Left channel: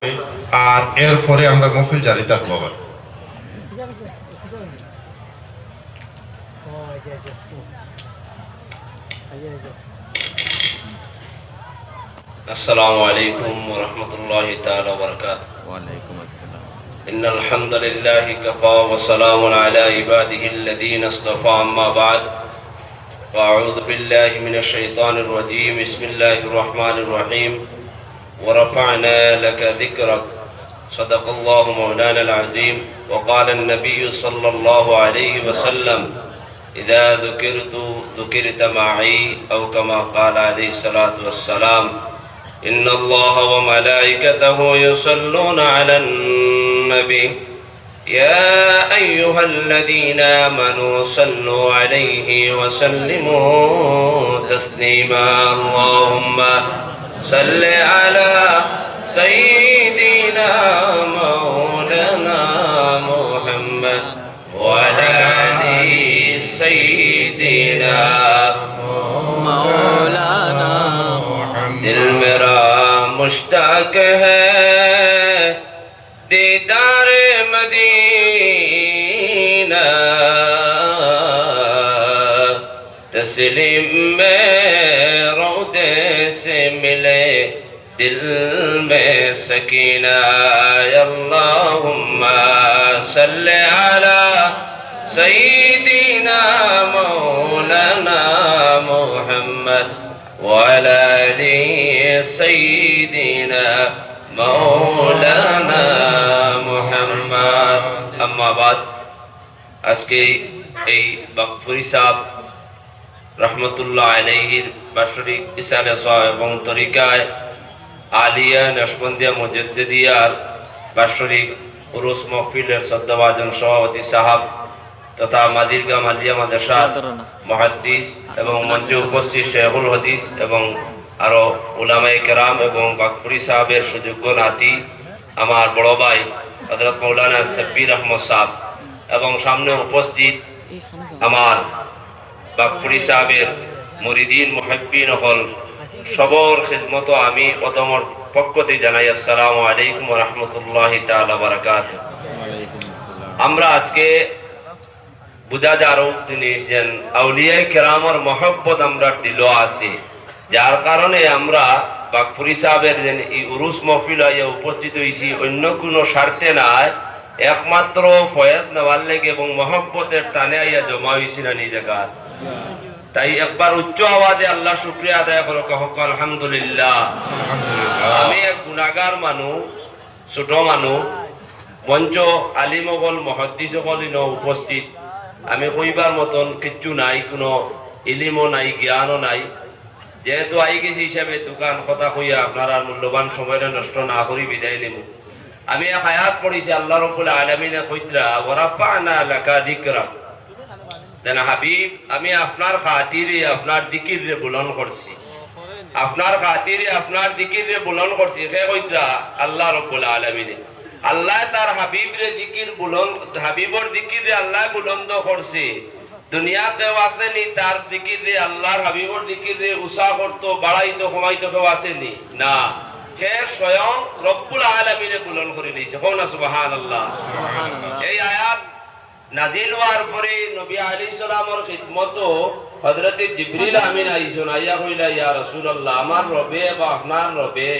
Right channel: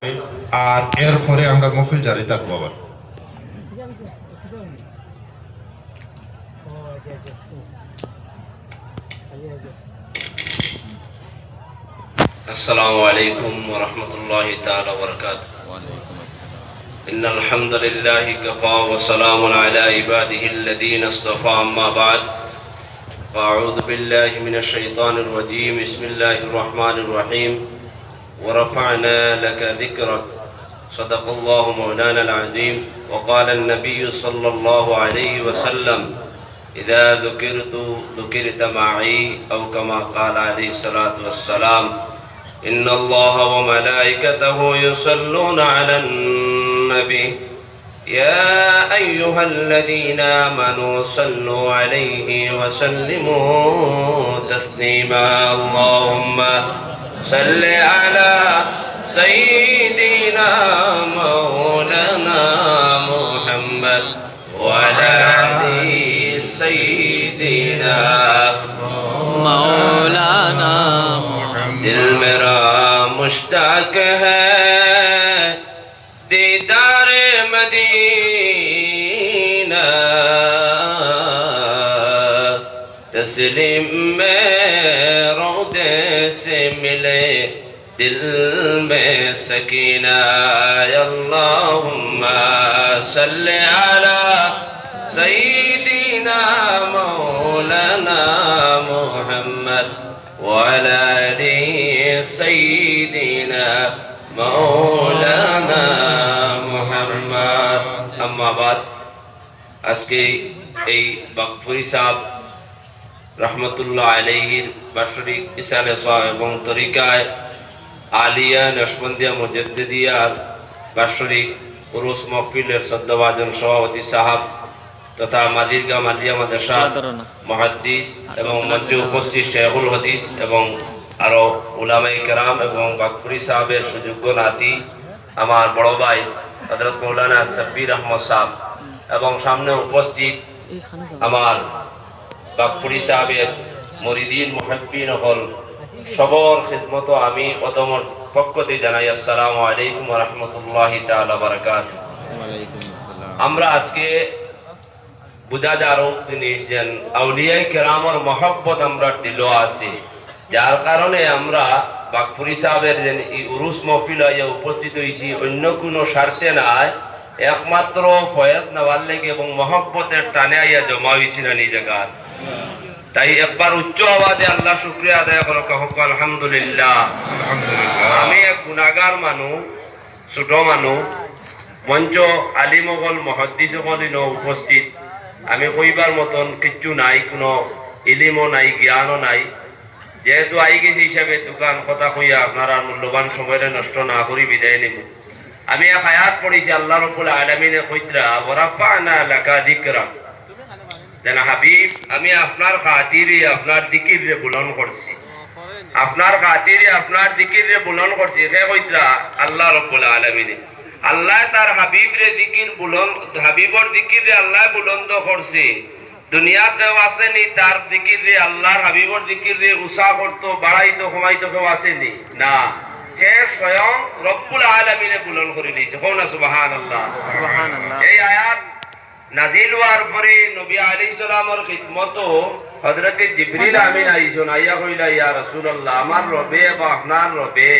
আর এরপরে আমরা মহফিল জারি থাকবো আবার। السلام عليكم ورحمة الله تعالى وبركاته. وعليكم السلام. إن الحمد لله كفى وسلام على عباده الذين اصطفى أما بعد فأعوذ بالله من الشيطان الرجيم بسم الله الرحمن الرحيم ورفعنا لك ذكرك صدق الله مولانا العظيم وقال النبي صلى الله عليه وسلم إذا ذكرت معي أو كما قال عليه الصلاة والسلام إن الله وملائكته يصلون على النبي يا أيها الذين آمنوا صلوا عليه وسلموا تسليما اللهم صل على سيدنا مولانا محمد وعلى آل سيدنا مولانا दिल मेरा मुश्ताक है दीदार मदीना तस्लीम में रोदे से मिले दिल में सकीना अल्लाहुम्मा सल्ली अला सय्यिदिना मौलाना मुहम्मद وعلى آل سيدنا مولانا محمد أما بعد আজকে এই বাকফুরি সাহেব রহমতুল্লাহ আলাইহির বাৎসরিক ইসালে সাহেব এবং তরিকায় আলিয়া নশবন্দিয়া মুজাদ্দিদিয়ার বাৎসরিক উরুস মাহফিলের শ্রদ্ধাভাজন সভাপতি সাহেব তথা মাদিরগাম আলিয়া মাদ্রাসা মুহাদ্দিস এবং মঞ্চে উপস্থিত শেখুল হাদিস এবং আরো উলামায়ে কেরাম এবং বাকফুরি সাহেবের সুযোগ্য নাতি আমার বড় ভাই হযরত মাওলানা সাব্বির আহমদ সাহেব এবং সামনে উপস্থিত আমার বাকফুরি সাহেবের মুরিদিন মুহিব্বিন হল সবর খিদমত আমি অদমর পক্ষতে জানাই আসসালামু আলাইকুম ওয়া রাহমাতুল্লাহি তাআলা ওয়া বারাকাতুহু। ওয়ালাইকুম আসসালাম। আমরা আজকে বুঝা যার জিনিস যেন আউলিয়ায়ে কেরামর মহব্বত আমরা দিল আছে, যার কারণে আমরা বাকফুরি সাহেবের যেন এই উরুস মহফিল হইয়া উপস্থিত হয়েছি অন্য কোনো স্বার্থে নাই, একমাত্র ফয়েজ নেওয়ার লেগে এবং মহব্বতের টানে আইয়া জমা হয়েছি না এই জায়গায়। তাই একবার উচ্চ আওয়াজে আল্লাহ শুকরিয়া আদায় করো, কহক আলহামদুলিল্লাহ। আমি এক গুনাহগার মানুষ, ছোট মানুষ, মঞ্চ আলিমগল মহাদ্দিস সকল উপস্থিত, আমি কইবার মতন কিচ্ছু নাই, কোনো ইলিমও নাই, জ্ঞানও নাই। যেহেতু আই গেছি হিসাবে দোকান কথা কইয়া আপনারা মূল্যবান সময় নষ্ট না করি বিদায় নিব। আমি এক আয়াত পড়েছি, আল্লাহ রাব্বুল আলামিনে কইতরা ওয়ারাফা'না লাকা যিকরাক, যেন হাবিব আমি আপনার খাতিরে আপনার জিকিরে বুলন্দ করছি, আপনার খাতিরে আপনার জিকিরে বুলন্দ করছি। হে কইতরা আল্লাহ রাব্বুল আলামিনে, আল্লাহ তার হাবিবরে জিকির বুলন্দ, হাবিবর জিকিরে আল্লাহ বুলন্দ করছে। দুনিয়াতে আসেনি তার জিকিরে, আল্লাহর হাবিবর জিকিরে উষা করতো, বাড়াইতো, কমাইতো, কেউ আসেনি না, সে স্বয়ং রব্বুল আলামিনে বুলন্দ করে নিয়েছে। কোন সুবহানাল্লাহ সুবহানাল্লাহ। এই আয়াত নাজিল হওয়ার পরে নবী আলাইহিস সালামের খিদমত হযরত জিবরিল আমিন আইছেন, আইয়া কইলা ইয়া রাসূলুল্লাহ, আমার রবে বা আপনার রবে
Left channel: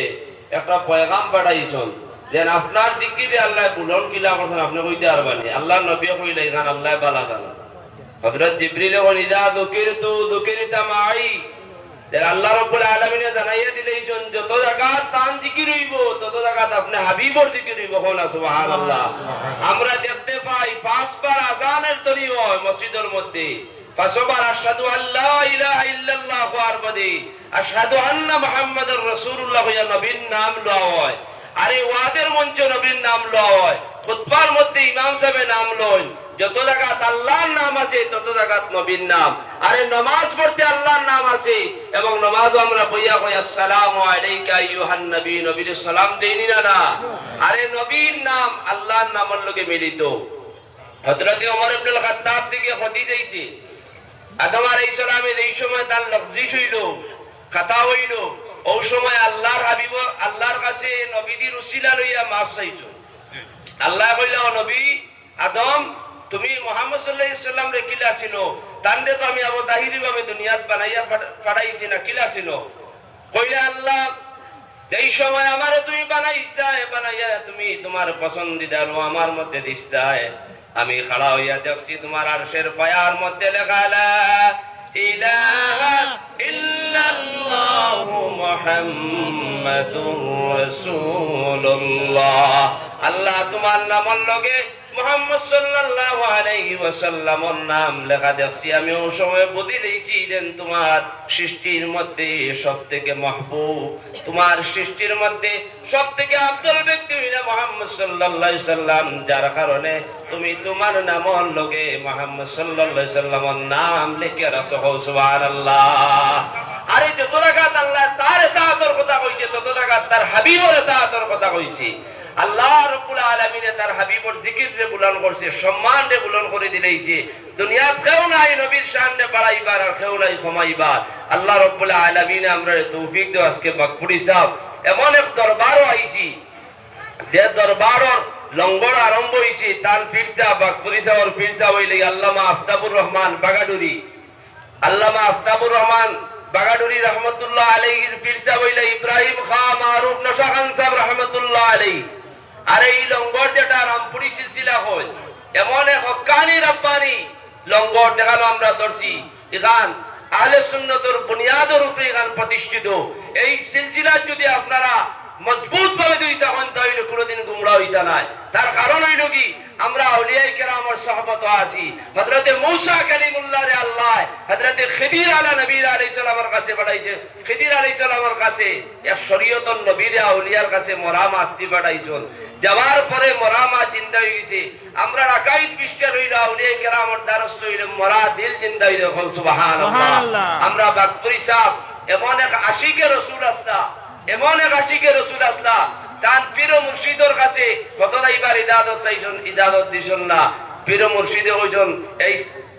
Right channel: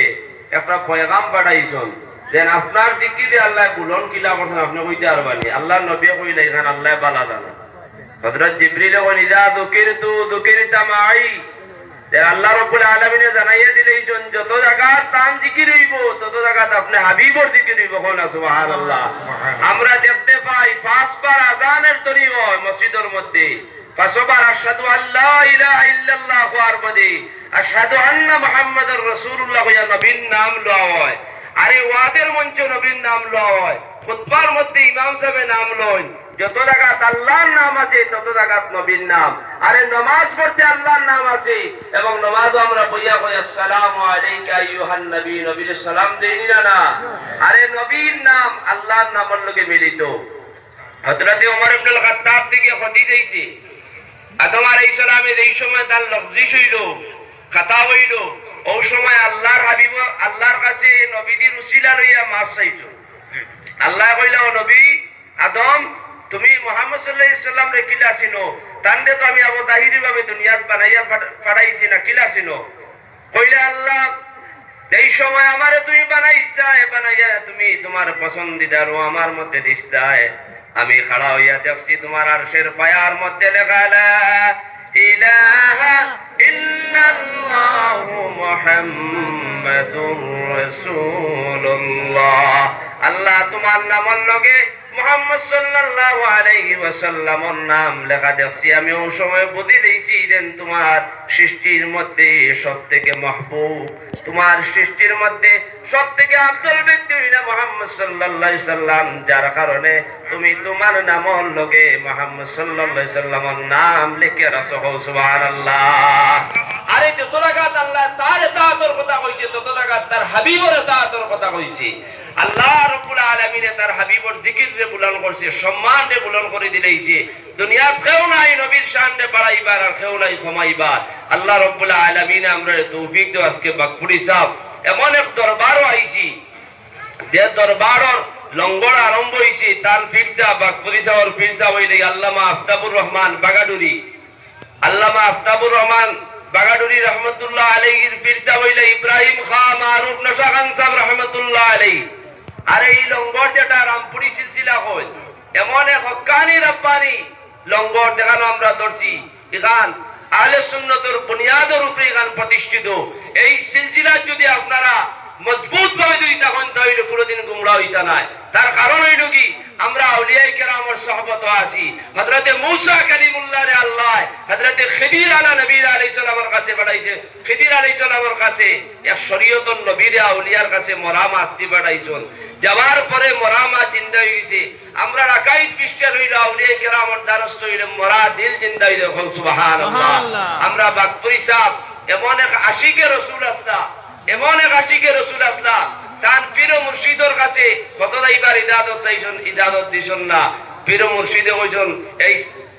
একটা পয়গাম পাঠাইছেন, যেন আপনার জিকিরে আল্লাহ বুলন কিলা করছেন, আপনি কইতে পারবানি। আল্লাহ নবী কইলা এখান আল্লাহ বালা জানে। হযরত জিবরিল কইলেন ইযা যুকিরতা মাই, যেন আল্লাহ রাব্বুল আলামিনে জানাইয়া দিলেন যত জায়গা তান জিকির হইব তত জায়গা আপনি হাবিবর জিকির হইব। কোন সুবহানাল্লাহ। আমরা দেখতে পাই পাঁচবার আযানের তরি হয় মসজিদের মধ্যে, পাঁচবার আশহাদু আল্লা ইলাহা ইল্লাল্লাহ ওয়ার বাদে আশহাদু আন্না মুহাম্মাদুর রাসূলুল্লাহ কইয়া নবীর নাম লওয়া হয়। আরে ওয়াদের মঞ্চে নবীর নাম লওয়া হয়, খুতবার মধ্যে ইমাম সাহেবের নাম লয়, যত জায়গাত আল্লাহর নাম আছে তত জায়গাত নবীর নাম। আরে নামাজ পড়তে আল্লাহর নাম আছে এবং নামাজ আমরা বইয়া কই আসসালামু আলাইকা আইয়ুহান নবী, নবীর সালাম দেইনি না। আরে নবীর নাম আল্লাহর নামের লগে মিলিত। হযরত ওমর ইবনে খাত্তাব থেকে হাদিস আইছে, আদম আলাইহিস সালামের এই সময় তার লফজিস হইল, খাতা হইল, ওই সময় আল্লাহর হাবিব আল্লাহর কাছে নবীদের উসিলা লইয়া মাফ চাইছো। আল্লাহ কইলা, ও নবী আদম, তুমি মুহাম্মদ সাল্লাল্লাহু আলাইহি সাল্লাম রে কিলা ছিনো, তানরে তো আমি আবু তাহিরি ভাবে দুনিয়াত বানাইয়া ফাড়াইছি না, কিলা ছিনো? কইলা, আল্লাহ যেই সময় আমারে তুমি বানাইছা, বানাইয়া তুমি তোমার পছন্দিদার ও আমার মধ্যে দিছতা, আমি খাড়া হইয়া দেখছি তোমার আরশের পায়ার মধ্যে লেখা লা ইলাহা ইল্লাল্লাহু মুহাম্মাদুর রাসূলুল্লাহ। আল্লাহ তোমার নামের লগে মুহাম্মদ সাল্লাল্লাহু আলাইহি ওয়াসাল্লামের নাম লেখা দেখছি। আমি ওই সময় বুঝি লইছি যে তোমার সৃষ্টির মধ্যে সবথেকে মাহবুব, তোমার সৃষ্টির মধ্যে সবথেকে আফদল ব্যক্তি হইলা মুহাম্মদ সাল্লাল্লাহু আলাইহি সাল্লাম, যার কারণে তুমি তোমার নামের লগে মুহাম্মদ সাল্লাল্লাহু আলাইহি সাল্লামের নাম লিখে রাখছো। সুবহানাল্লাহ। আরে যত জায়গাত আল্লাহ তার তাআতর কথা কইছে, তত জায়গাত তার হাবিবের তাআতর কথা কইছে। আল্লাহ রাব্বুল আলামিন তার হাবিবর জিকির রে বুলন করছে, সম্মান রে বুলন করে দিলেইছে। দুনিয়ার কেউ নাই নবীর শান রে বাড়াইবার, আর কেউ নাই কমাইবার। আল্লাহ রাব্বুল আলামিন আমরা তৌফিক দাও। আজকে বাকফুরি সাহেব এমন এক দরবারও আইছি, যে দরবারর লঙ্গর আরম্ভ হইছে। তার ফিরসা বাকফুরি সাহেবের ফিরসা হইলে আল্লামা আফতাবুর রহমান বাগাডুরি, আল্লামা আফতাবুর রহমান বাগাডুরি রহমতুল্লাহ আলাইহির ফিরসা হইলে ইব্রাহিম খান মারুফ নশা খান সাহেব রহমতুল্লাহ আলাইহি। আর এই লঙ্গর যেটা রামপুরি সিলসিলা হয়, এমন এক হক্কানি রব্বানি লঙ্গর দেখানো আমরা ধরছি। এখান আহলে সুন্নতের বুনিয়াদের উপরে এখান প্রতিষ্ঠিত। এই সিলসিলা যদি আপনারা মজবুত ভাবে দুই তখন তাহলে কোনোদিন গুমরা হইতা নাই। তার কারণ হইল কি, আমরা আউলিয়ায়ে কেরামের সহবত আছি। হযরতে মূসা কালিমুল্লাহ রে আল্লাহ হযরতে খিদির আলা নবী আলাইহিস সালামের কাছে পাঠাইছে। খিদির আলাইহিস সালামের কাছে এক শরীয়তর নবীর আউলিয়ার কাছে মরামা আসতি পাঠাইছেন। যাওয়ার পরে মরামা জিন্দা হয়ে গেছে। আমরা আকাইদ বিস্তার হইল আউলিয়ায়ে কেরামের দ্বারস্থ হইল মরা দিল জিন্দা হইল। সুবহানাল্লাহ। আমরা বাকফুরি সাহেব এমন এক আশিকে রাসূল আসলা, এমন এক আশিকে রাসূল আসলা, তার পীর মুর্শিদের কাছে কতটা ইবার ইদাদত চাইছেন, ইদাদত দিছেন না। পীর মুর্শিদে কইছেন এই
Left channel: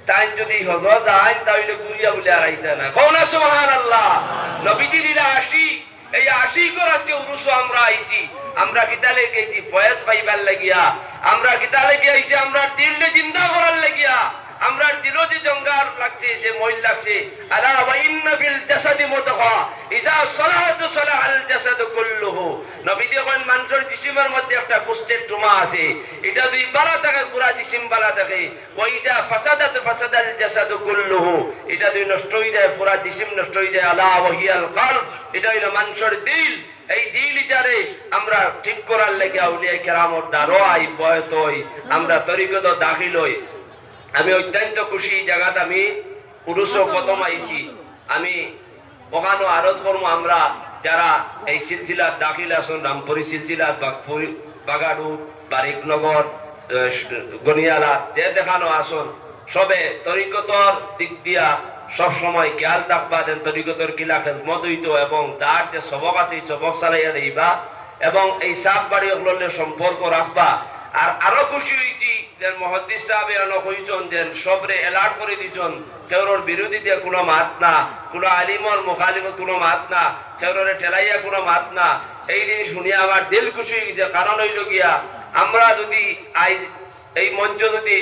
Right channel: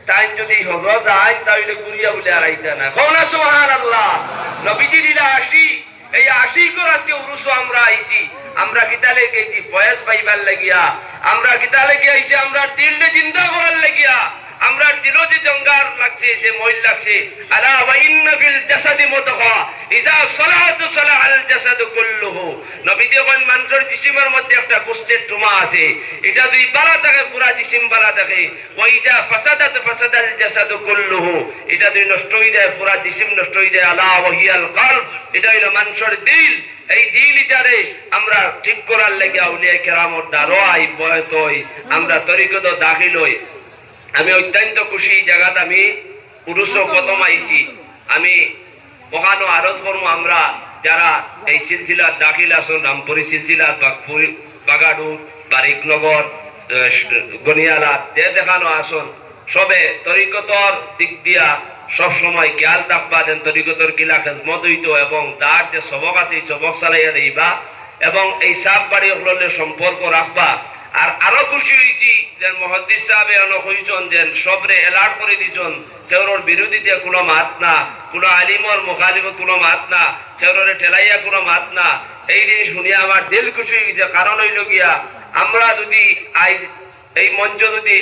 তাই যদি হযরত আইন তাইলে গুরিয়া বলে আর আইতা না। কোন সুবহানাল্লাহ। নবীজির ইলা আশিক, এই আশিকর আজকে উরুস আমরা আইছি। আমরা কিতালে গেছি ফয়েজ পাইবার লাগিয়া, আমরা কিতালে গেছি আমরা দিলকে জিন্দা করার লাগিয়া। আমরা দিলও যে জঙ্গার লাগছে, যে মইল লাগছে। আলা ওয়া ইন্না ফিল জাসাদি মুদগা ইজা সালাহাতু সালাহাল জাসাদু কুল্লুহু। নবী দেন মানুষের জিসিমের মধ্যে একটা গোশতের টুমা আছে, এটা যদি বালা থাকে পুরা জিসিম বালা থাকে। ওয়া ইজা ফাসাদাত ফাসাদাল জাসাদু কুল্লুহু, এটা যদি নষ্ট হই যায় পুরা জিসিম নষ্ট হই যায়। আলা ওয়া হিয়াল কলব, এটা হলো মানুষের দিল। এই দিল ইটারে আমরা ঠিক করার লাগি আউলিয়ায়ে কেরামত দ্বারা আই বয়ত হই, আমরা তরিকত দাখিল হই। আমি অত্যন্ত খুশি জায়গাত আমি পুরুষ প্রথম আইছি। আমি ওখানে আরজ করবো আমরা যারা এই সিলসিলার দাখিল আসুন, রামপুরি সিলসিলার বাগাডুর বারিকনগর গনিয়ালা যে দেখানো আসুন, সবে তরিকতর দিক দিয়া সব সময় খেয়াল রাখবা দেন, তরিকতর কিলা খেজমত হইত এবং তার যে সবক আছে সবক চালাইয়া দিবা এবং এই সাপ বাড়ি হলের সম্পর্ক রাখবা। আর আরো খুশি হয়েছি যে মুহাদ্দিস সাহেব অনেক হইছেন যে সবরে এলার্ট করে দিয়েছেন, কেউর বিরোধীতে কোনো মাত না, কোনো আলিমর মুখালিফে কোনো মাত না, কেউরে ঠেলাইয়া কোনো মাত না। এই জিনিস শুনিয়া আমার দিল খুশি হয়ে গেছে। কারণ হইল গিয়া আমরা যদি আজ এই মঞ্চ যদি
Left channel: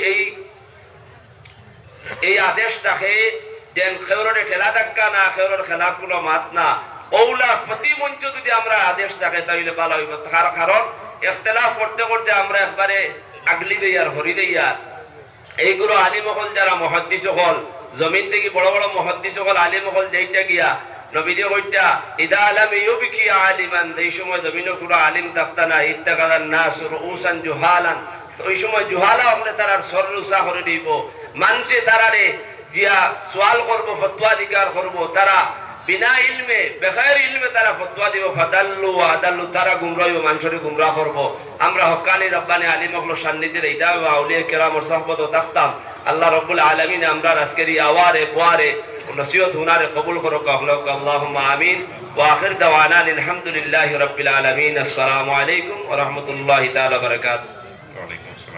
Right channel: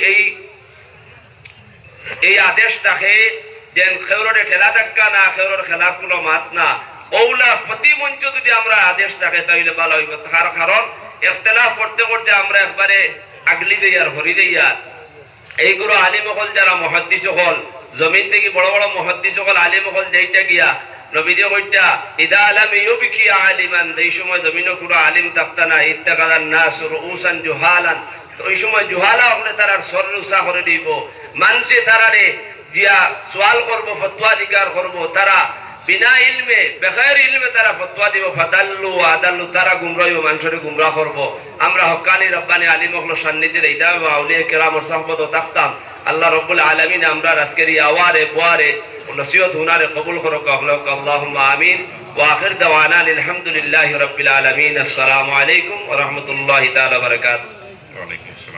এই আদেশ থাকে যে কেউরে ঠেলা ধাক্কা না, কেউর খেলাফ কোনো মাত না, ওলা প্রতি মঞ্চ যদি আমরা আদেশ থাকে তাহলে ভালো হইব। তার কারণ ইখতিলাফ করতে করতে আমরা একবারে আগলি দেই আর হরি দেই। আর এইগুলো আলিম হল যারা মুহাদ্দিস হল, জমিন থেকে বড় বড় মুহাদ্দিস হল আলিম হল যেইটা গিয়া নবীজি কইটা ইদা লাম ইউবকি আলিমান, এই সময় জমিনে কোনো আলিম থাকতা না। ইত্তাকাদান নাস রুউসান জুহালান, তো ওই সময় জুহালা হলে তারা সরলুসা করে দিব। মানুষে তারারে গিয়া সওয়াল করবো, ফতোয়া দিগার করবো, তারা বিনা ইলমে বেগাইর ইলমে তারা ফতোয়া দিব। ফাদাল্লু আদাল্লু, তারা গুমরাহ হইব, মানুষের গুমরাহ করবো। আমরা হক্কানি রব্বানি আলিম হল সান্নিধ্যে এইটা আউলিয়া কেরামের সহবত থাকতাম। আল্লাহ রাব্বুল আলামিন আমরা আজকের এই আওয়ারে বুয়ারে নসিহত হুনারে কবুল করুক। আল্লাহুম্মা আমিন। ওয়া আখির দাওয়ানা আলহামদুলিল্লাহি রাব্বিল আলামিন। আসসালামু আলাইকুম ওয়া রাহমাতুল্লাহি তাআলা ওয়া বারাকাতুহু। ওয়া আলাইকুম আসসালাম।